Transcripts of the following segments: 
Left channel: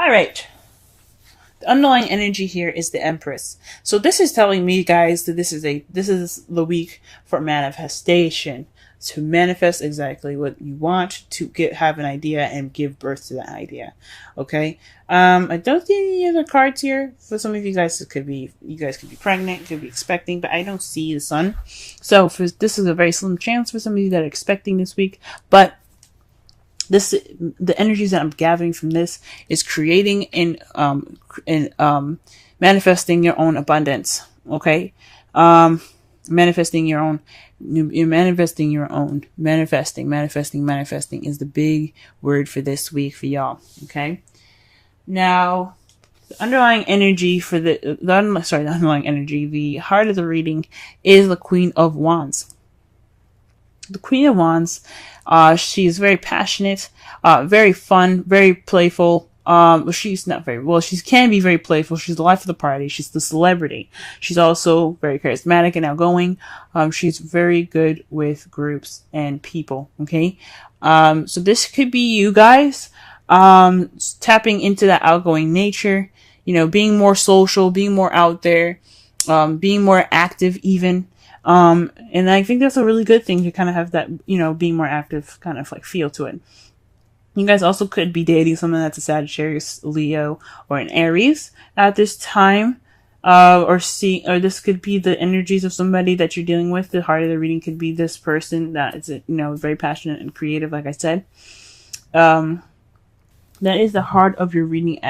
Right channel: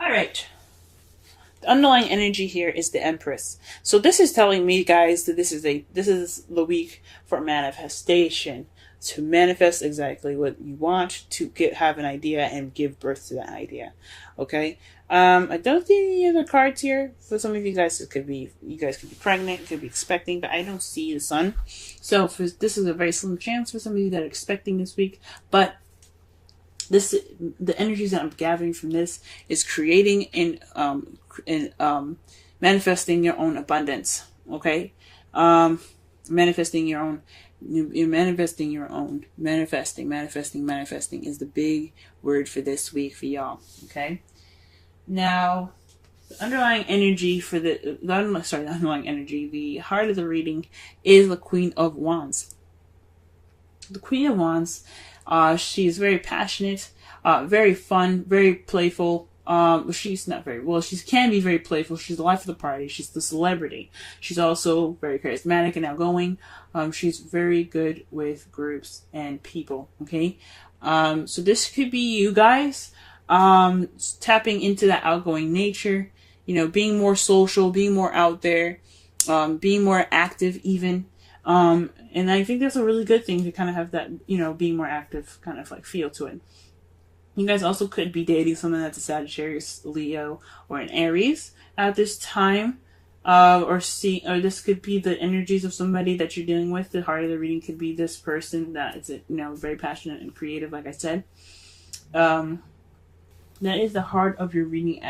All right. The underlying energy here is the Empress. So this is telling me, guys, that this is the week for manifestation, to manifest exactly what you want, to have an idea and give birth to that idea. Okay. I don't see any other cards here. For some of you guys, you guys could be pregnant, you could be expecting, but I don't see the sun. So this is a very slim chance for some of you that are expecting this week, but the energies that I'm gathering from this is creating and manifesting your own abundance. Okay, manifesting your own. You're manifesting your own. Manifesting is the big word for this week for y'all. Okay, now the underlying energy for the underlying energy, the heart of the reading is the Queen of Wands. The Queen of Wands, she is very passionate, very fun, very playful. She's not very well. She can be very playful. She's the life of the party. She's the celebrity. She's also very charismatic and outgoing. She's very good with groups and people. Okay, so this could be you guys, tapping into that outgoing nature. You know, being more social, being more out there, being more active, even. And I think that's a really good thing to kind of have that, you know, being more active kind of like feel to it. You guys also could be dating someone that's a Sagittarius, Leo, or an Aries at this time. Or this could be the energies of somebody that you're dealing with. The heart of the reading could be this person that is, you know, very passionate and creative, like I said. That is the heart of your reading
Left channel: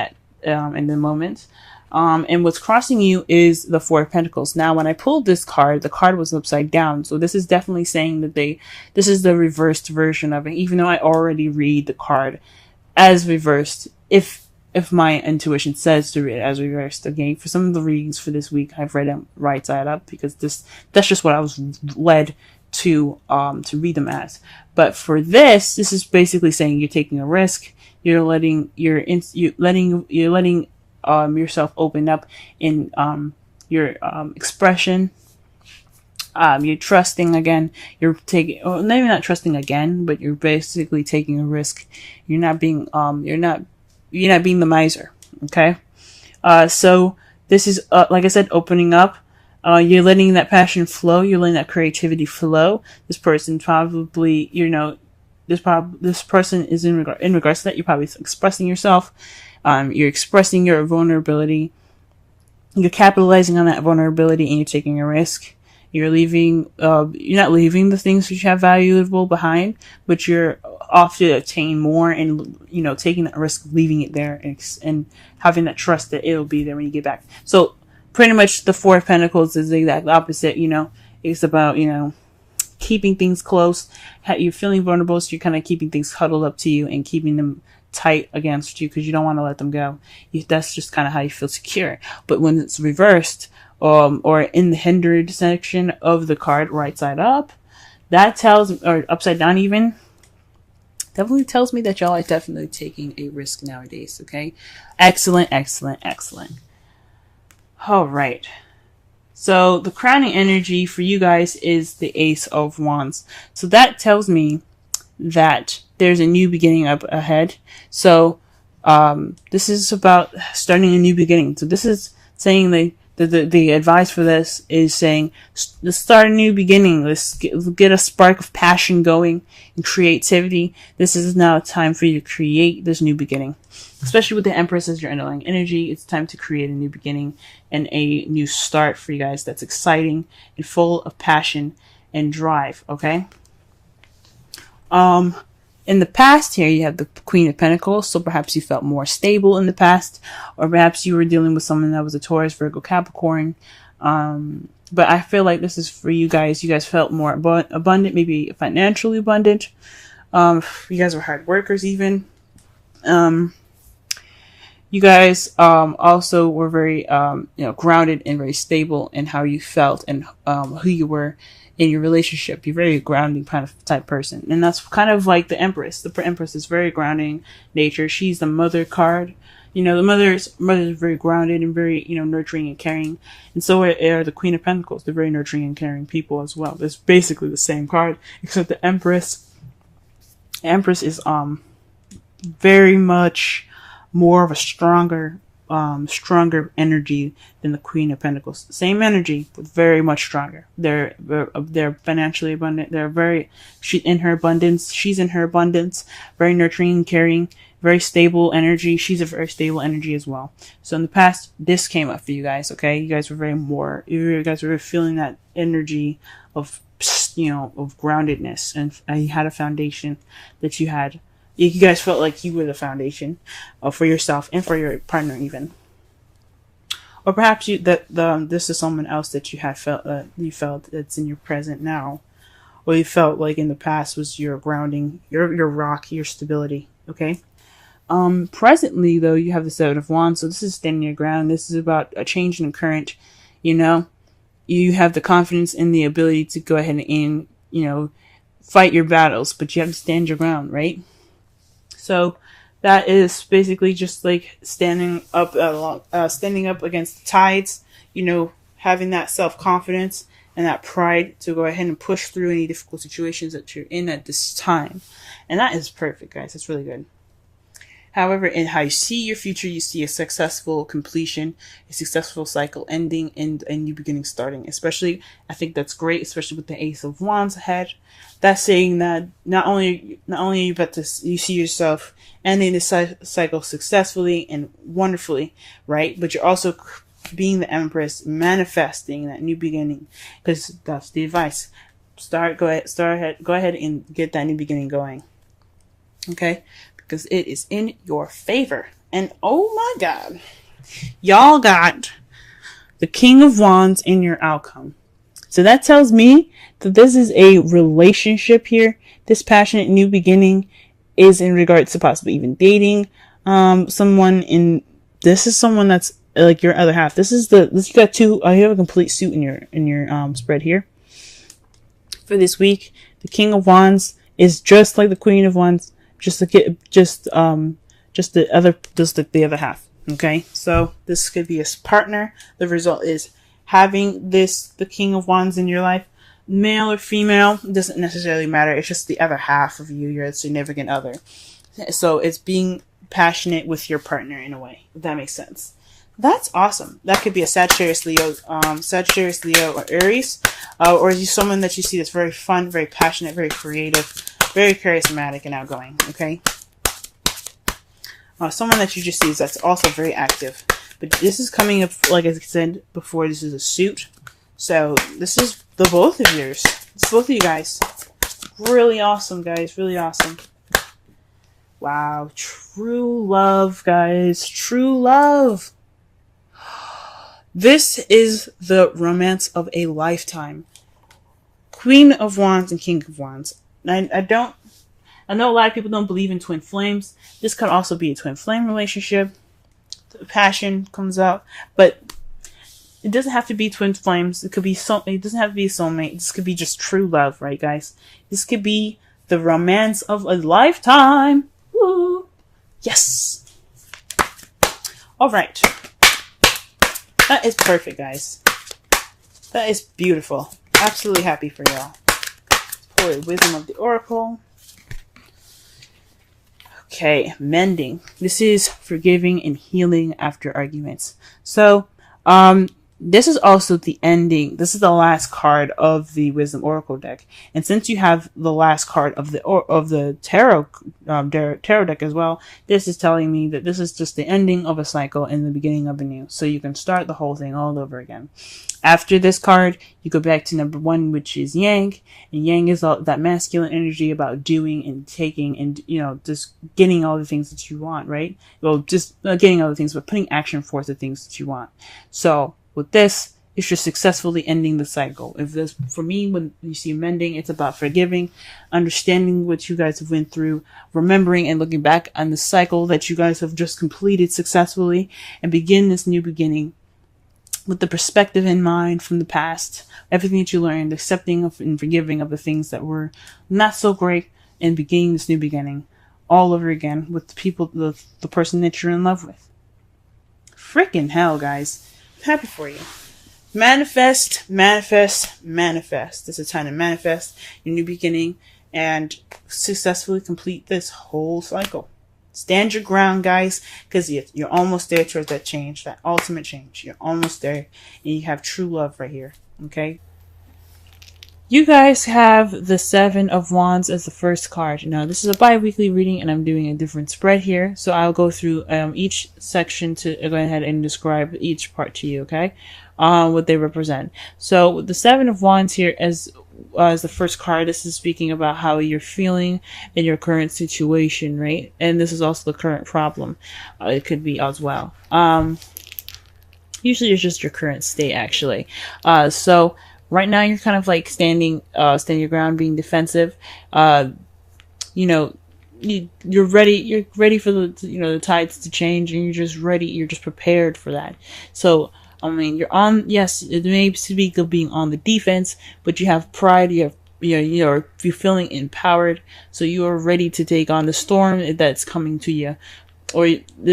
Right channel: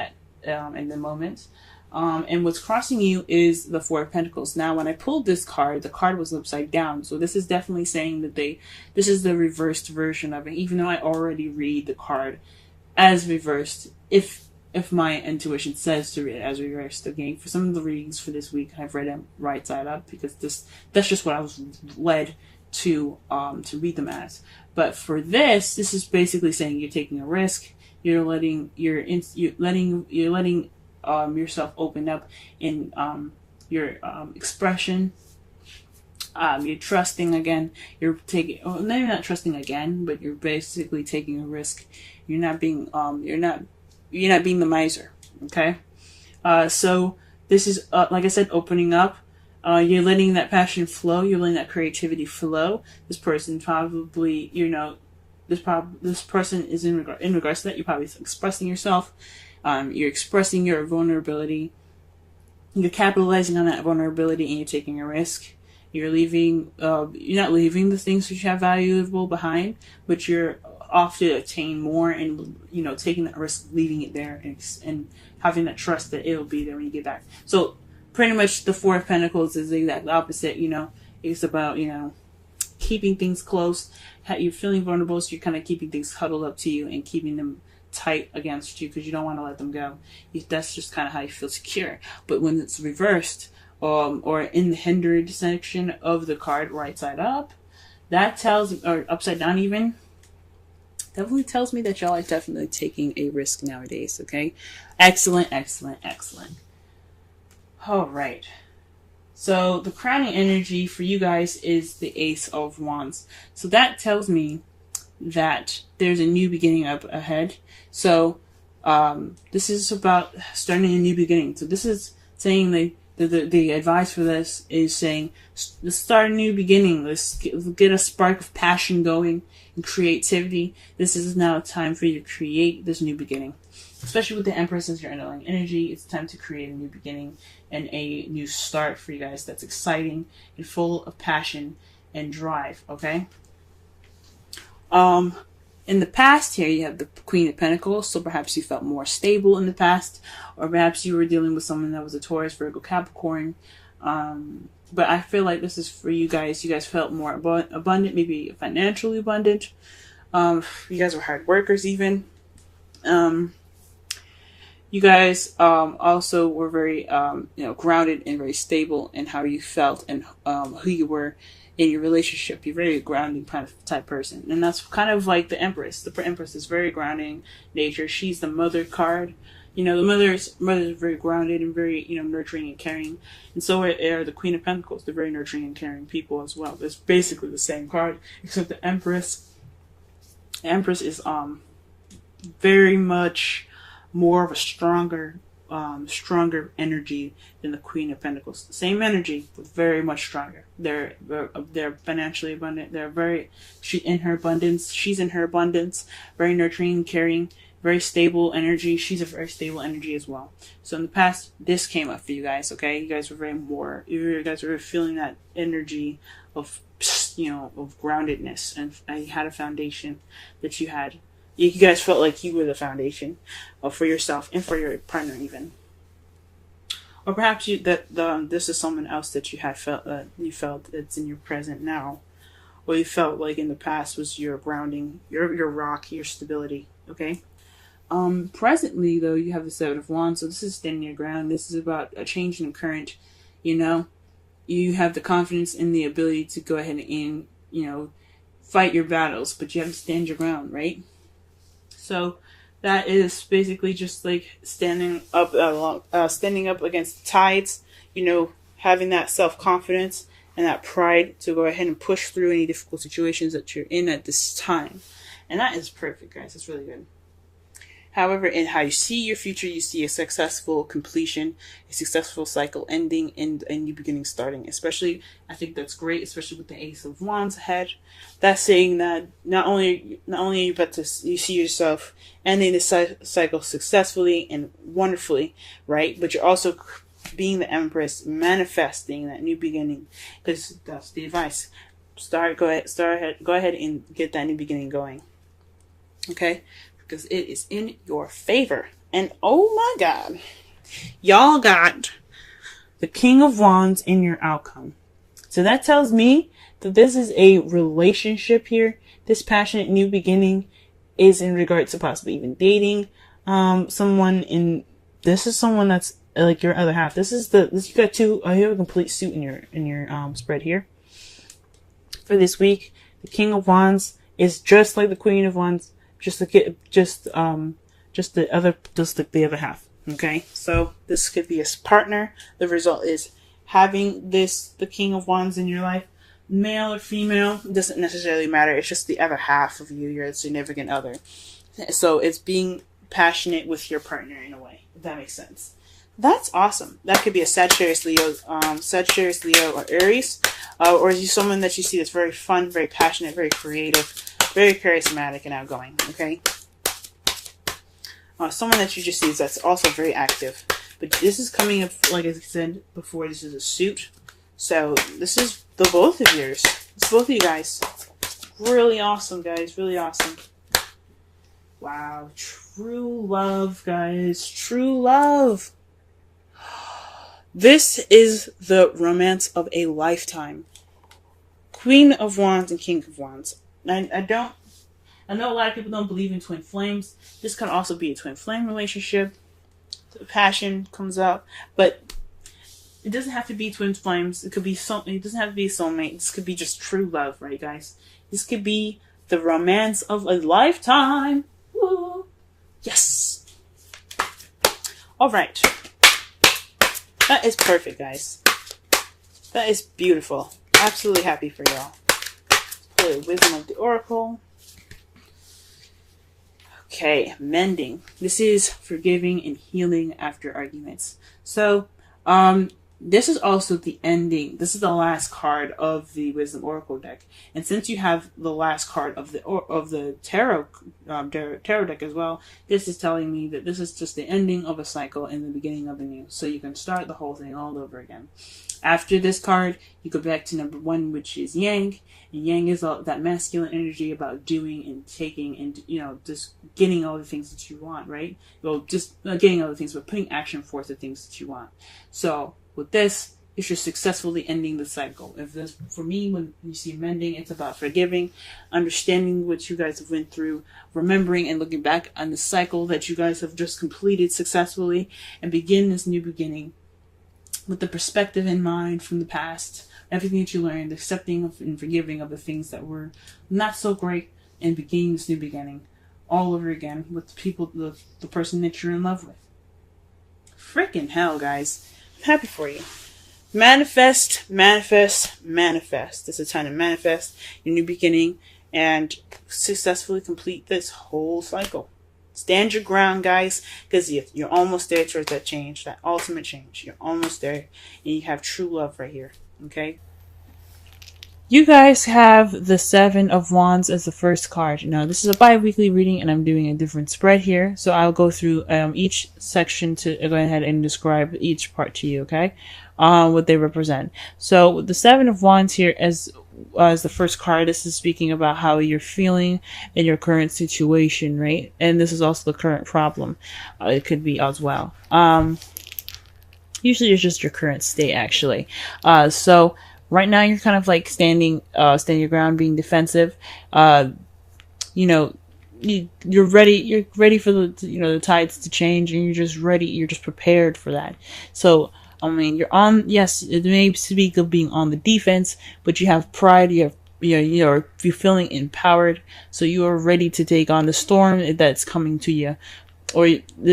in the moment. And what's crossing you is the Four of Pentacles. Now, when I pulled this card, the card was upside down. So this is definitely saying that this is the reversed version of it, even though I already read the card as reversed. If my intuition says to read it as reversed, again, for some of the readings for this week, I've read them right side up because that's just what I was led to read them as. But for this is basically saying you're taking a risk. You're letting yourself open up in your expression. You're trusting again. You're taking, or maybe not trusting again, but you're basically taking a risk. You're not being the miser. Okay. So this is like I said, opening up. You're letting that passion flow. You're letting that creativity flow. This person probably, you know, this person is in regards to that. You're probably expressing yourself. You're expressing your vulnerability. You're capitalizing on that vulnerability, and you're taking a risk. You're not leaving the things that you have valuable behind, but you're off to attain more, and, you know, taking that risk, leaving it there, and having that trust that it'll be there when you get back. So pretty much the Four of Pentacles is the exact opposite. You know, it's about, you know, keeping things close. You're feeling vulnerable, so you're kind of keeping things huddled up to you and keeping them tight against you because you don't want to let them go. That's just kind of how you feel secure. But when it's reversed, or in the hindered section of the card, right side up, that tells, or upside down even, definitely tells me that y'all are definitely taking a risk nowadays. Okay, excellent. All right. So the crowning energy for you guys is the Ace of Wands. So that tells me that there's a new beginning up ahead. So this is about starting a new beginning. So this is saying the advice for this is saying, let's start a new beginning. Let's get a spark of passion going and creativity. This is now time for you to create this new beginning. Especially with the Empress as your underlying energy, it's time to create a new beginning and a new start for you guys that's exciting and full of passion and drive, okay? In the past here, you have the Queen of Pentacles, so perhaps you felt more stable in the past, or perhaps you were dealing with someone that was a Taurus, Virgo, Capricorn. But I feel like this is for you guys. You guys felt more abundant, maybe financially abundant. You guys were hard workers even. You guys also were very grounded and very stable in how you felt and who you were in your relationship. You're very grounding kind of type person, and that's kind of like the Empress. The Empress is very grounding nature. She's the mother card. You know, the mother's very grounded and very, you know, nurturing and caring, and so are the Queen of Pentacles. They're very nurturing and caring people as well. It's basically the same card, except the Empress is very much more of a stronger energy than the Queen of Pentacles. Same energy, but very much stronger. They're financially abundant. She's in her abundance, very nurturing and caring, very stable energy. She's a very stable energy as well. So in the past, this came up for you guys, okay? You guys were really feeling that energy of, of groundedness, and you had a foundation that you had. You guys felt like you were the foundation for yourself and for your partner even. Or perhaps this is someone else that you felt that's in your present now. Or you felt like in the past was your grounding, your rock, your stability. Okay? Presently though, you have the Seven of Wands, so this is standing your ground. This is about a change in current, You have the confidence and the ability to go ahead and, fight your battles, but you have to stand your ground, right? So that is basically just like standing up against the tides, having that self-confidence and that pride to go ahead and push through any difficult situations that you're in at this time. And that is perfect, guys. That's really good. However, in how you see your future, you see a successful completion, a successful cycle ending, and a new beginning starting. Especially, I think that's great, especially with the Ace of Wands ahead. That's saying that not only you see yourself ending the cycle successfully and wonderfully, right? But you're also being the Empress, manifesting that new beginning, because that's the advice. Go ahead and get that new beginning going. Okay. Because it is in your favor. And oh my God, y'all got the King of Wands in your outcome. So that tells me that this is a relationship here. This passionate new beginning is in regards to possibly even dating someone. This is someone that's like your other half. You got two. You have a complete suit in your spread here for this week. The King of Wands is just like the Queen of Wands. Just the other half. Okay, so this could be a partner. The result is having the King of Wands in your life, male or female, doesn't necessarily matter. It's just the other half of you, your significant other. So it's being passionate with your partner in a way, if that makes sense. That's awesome. That could be a Sagittarius, Leo, or Aries, or you someone that you see that's very fun, very passionate, very creative, very charismatic and outgoing, okay? Someone that you just see that's also very active. But this is coming up, like I said before, this is a suit. So this is the both of yours. It's both of you guys. Really awesome, guys. Really awesome. Wow. True love, guys. True love. This is the romance of a lifetime. Queen of Wands and King of Wands. I know a lot of people don't believe in twin flames. This could also be a twin flame relationship. The passion comes out, but it doesn't have to be twin flames. It could be it doesn't have to be a soulmate. This could be just true love, right, guys? This could be the romance of a lifetime. Woo! Yes. All right. That is perfect, guys. That is beautiful. Absolutely happy for y'all. For the wisdom of the oracle. Okay, mending. This is forgiving and healing after arguments. So, this is also the ending. This is the last card of the Wisdom Oracle deck, and since you have the last card of the tarot deck as well, this is telling me that this is just the ending of a cycle and the beginning of a new. So you can start the whole thing all over again. After this card, you go back to number 1, which is Yang, and Yang is all that masculine energy about doing and taking, and just getting all the things that you want, right? Well, just getting all the things, but putting action forth the things that you want. So with this, you're just successfully ending the cycle. If this, for me, when you see mending, it's about forgiving, understanding what you guys have went through, remembering and looking back on the cycle that you guys have just completed successfully, and begin this new beginning with the perspective in mind from the past, everything that you learned, accepting of and forgiving of the things that were not so great, and beginning this new beginning all over again with the people, the person that you're in love with. Freaking hell, guys. I'm happy for you. Manifest, manifest, manifest. It's a time to manifest your new beginning and successfully complete this whole cycle. Stand your ground, guys, because you're almost there towards that change, that ultimate change. You're almost there, and you have true love right here. Okay. You guys have the Seven of Wands as the first card. Now, this is a bi-weekly reading, and I'm doing a different spread here. So I'll go through each section to go ahead and describe each part to you, okay? What they represent. So the Seven of Wands here as the first card, this is speaking about how you're feeling in your current situation, right? And this is also the current problem. It could be as well. Usually it's just your current state, actually. So right now you're kind of like standing your ground, being defensive. You know, you're ready for the tides to change, and you're just ready. You're just prepared for that. So, I mean, you're on. Yes, it may speak of being on the defense, but you have pride. You're feeling empowered, so you are ready to take on the storm that's coming to you. Or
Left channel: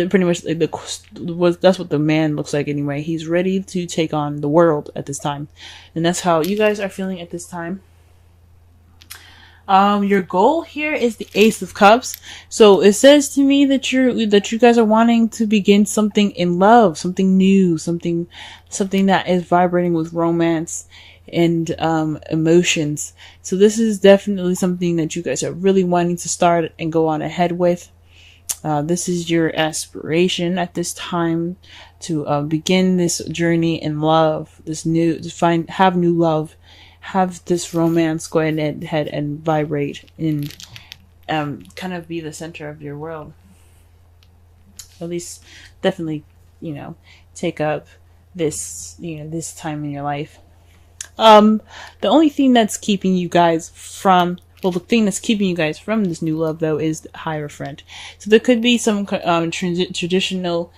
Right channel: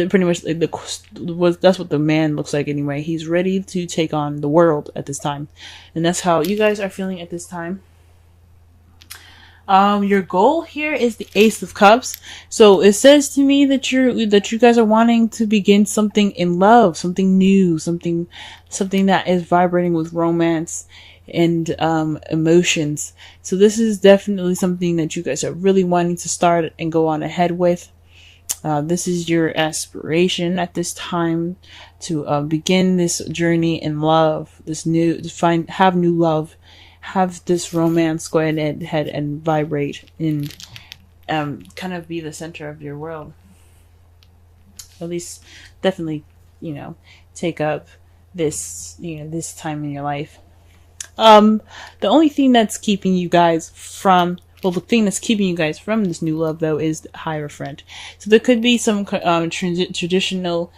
pretty much that's what the man looks like anyway. He's ready to take on the world at this time, and that's how you guys are feeling at this time. Your goal here is the Ace of Cups. So it says to me that you guys are wanting to begin something in love, something new, something that is vibrating with romance and emotions. So this is definitely something that you guys are really wanting to start and go on ahead with. This is your aspiration at this time to begin this journey in love, have new love, have this romance go ahead and vibrate and kind of be the center of your world. At least, definitely, take up this time in your life. The only thing that's keeping you guys from the thing that's keeping you guys from this new love, though, is the Hierophant. So there could be some traditional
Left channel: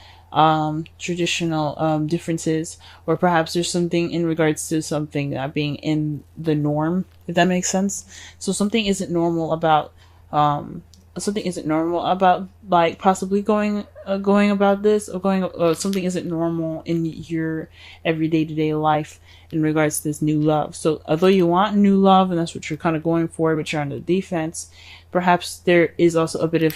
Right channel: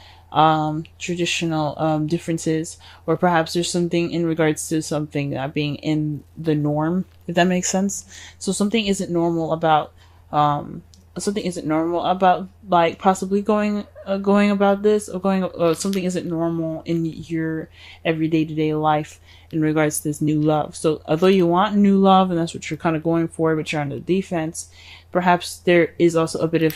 differences, or perhaps there's something in regards to something not being in the norm, if that makes sense. So something isn't normal about like possibly going about this, or something isn't normal in your everyday to day life in regards to this new love. So although you want new love, and that's what you're kind of going for, but you're on the defense, perhaps there is also a bit of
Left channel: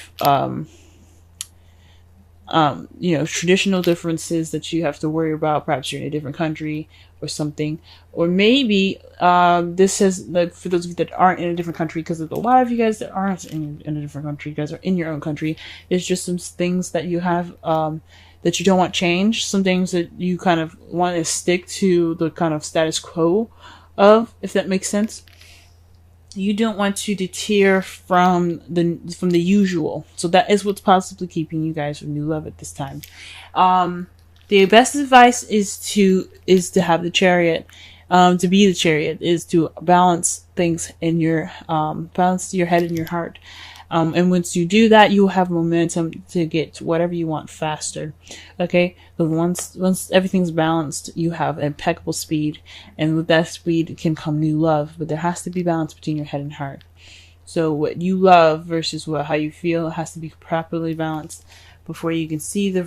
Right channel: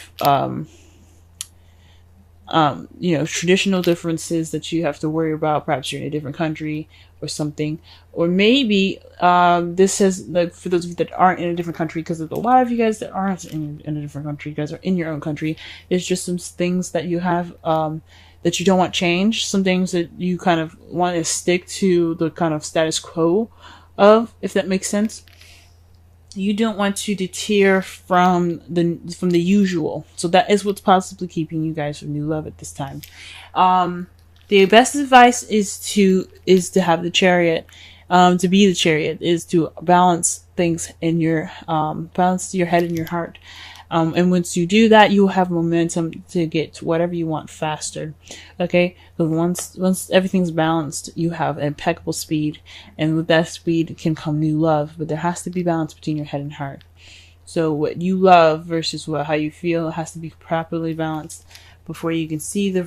traditional differences that you have to worry about. Perhaps you're in a different country or something, or maybe this has, like, for those of you that aren't in a different country, because there's a lot of you guys that aren't in a different country, you guys are in your own country. There's just some things that you have that you don't want change, some things that you kind of want to stick to the kind of status quo of, if that makes sense. You don't want to deter from the usual. So that is what's possibly keeping you guys from new love at this time. The best advice is to have the Chariot. To be the Chariot is to balance things in your balance your head and your heart. And once you do that, you have momentum to get to whatever you want faster. Okay? Because once everything's balanced, you have impeccable speed. And with that speed can come new love. But there has to be balance between your head and heart. So what you love versus how you feel has to be properly balanced before you can see the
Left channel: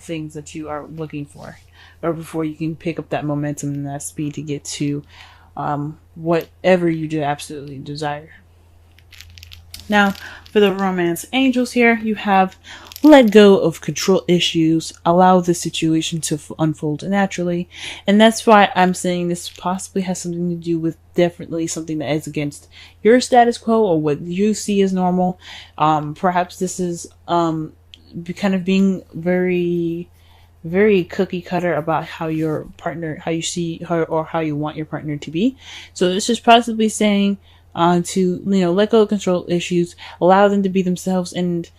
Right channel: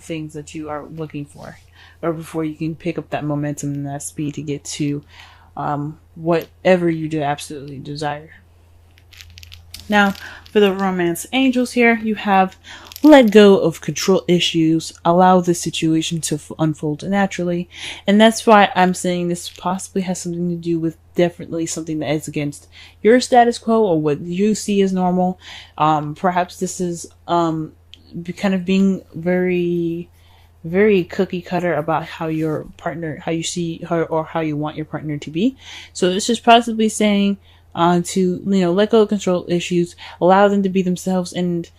things that you are looking for. Or before you can pick up that momentum and that speed to get to whatever you do absolutely desire. Now, for the romance angels here, you have let go of control issues, allow the situation to unfold naturally. And that's why I'm saying this possibly has something to do with definitely something that is against your status quo or what you see as normal. Perhaps this is kind of being very, very cookie cutter about how your partner, how you see her, or how you want your partner to be. So this is possibly saying to let go of control issues, allow them to be themselves, and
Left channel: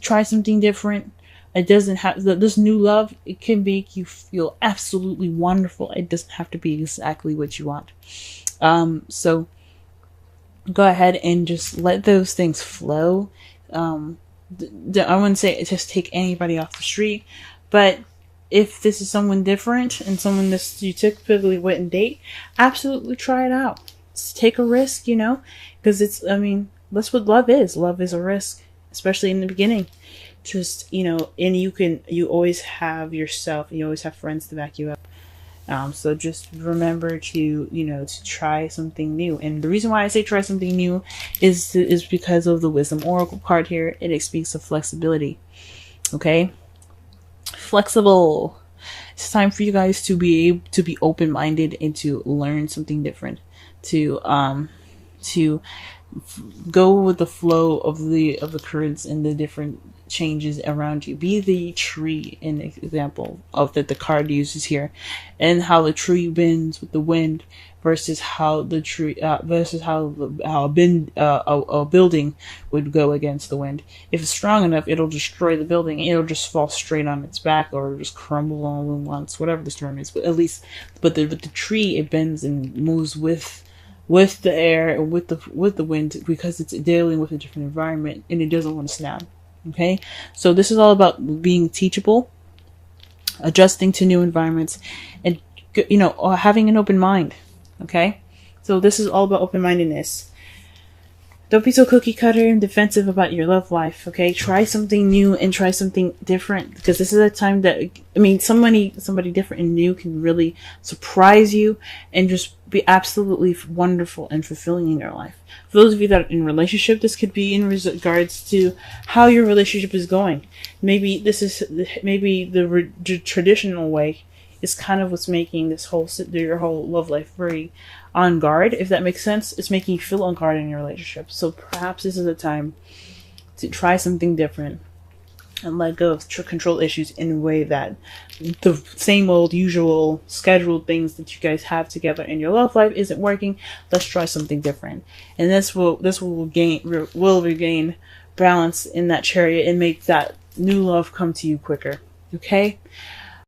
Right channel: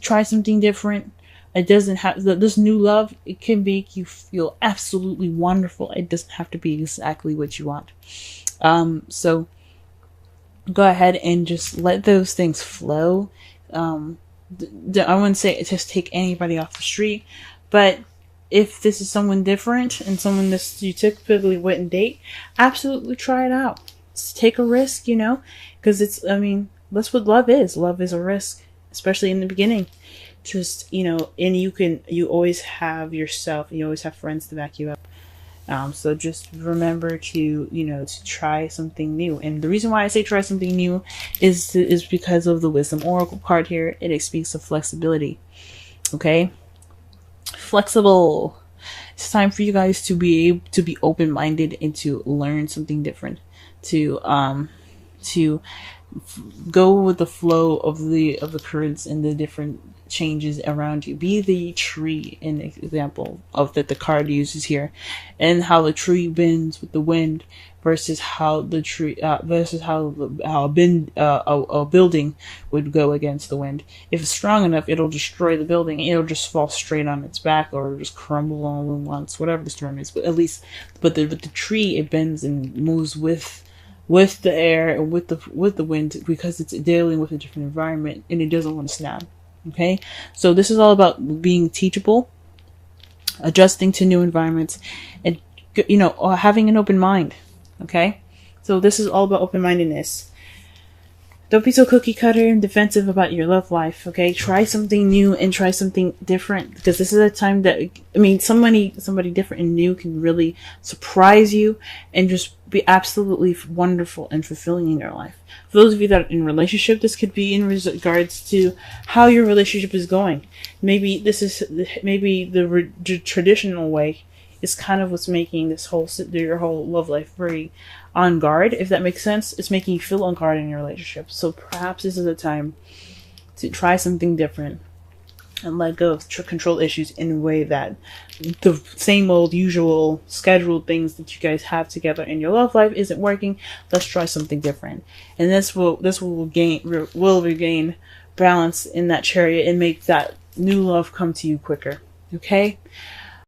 try something different. It doesn't have this new love. It can make you feel absolutely wonderful. It doesn't have to be exactly what you want. So go ahead and just let those things flow. I wouldn't say just take anybody off the street, but if this is someone different and someone that you typically wouldn't date, absolutely try it out. Take a risk, because that's what love is. Love is a risk, especially in the beginning. Just, and you always have yourself, and you always have friends to back you up. So just remember to, to try something new. And the reason why I say try something new is because of the Wisdom Oracle card here. It speaks of flexibility. Okay? Flexible. It's time for you guys to be open-minded and to learn something different. To go with the flow of the currents and the different changes around you. Be the tree, an example of that the card uses here, and how the tree bends with the wind versus how the tree versus how a building would go against the wind. If it's strong enough, it'll destroy the building. It'll just fall straight on its back or just crumble on once, whatever the storm is. But at least, but the tree, it bends and moves with the air and with the wind, because it's dealing with a different environment and it doesn't want to snap. Okay, so this is all about being teachable, adjusting to new environments, and having an open mind. Okay, so this is all about open-mindedness. Don't be so cookie cutter and defensive about your love life, okay? Try something new and try something different, because this is a time that, somebody different and new can really surprise you and just be absolutely wonderful and fulfilling in your life. For those of you that are in a relationship, this could be in regards to how your relationship is going. Maybe the traditional way is kind of what's making your whole love life very on guard, if that makes sense. It's making you feel on guard in your relationship. So perhaps this is a time to try something different and let go of control issues in a way that the same old usual scheduled things that you guys have together in your love life isn't working. Let's try something different, and this will regain balance in that chariot and make that new love come to you quicker. Okay.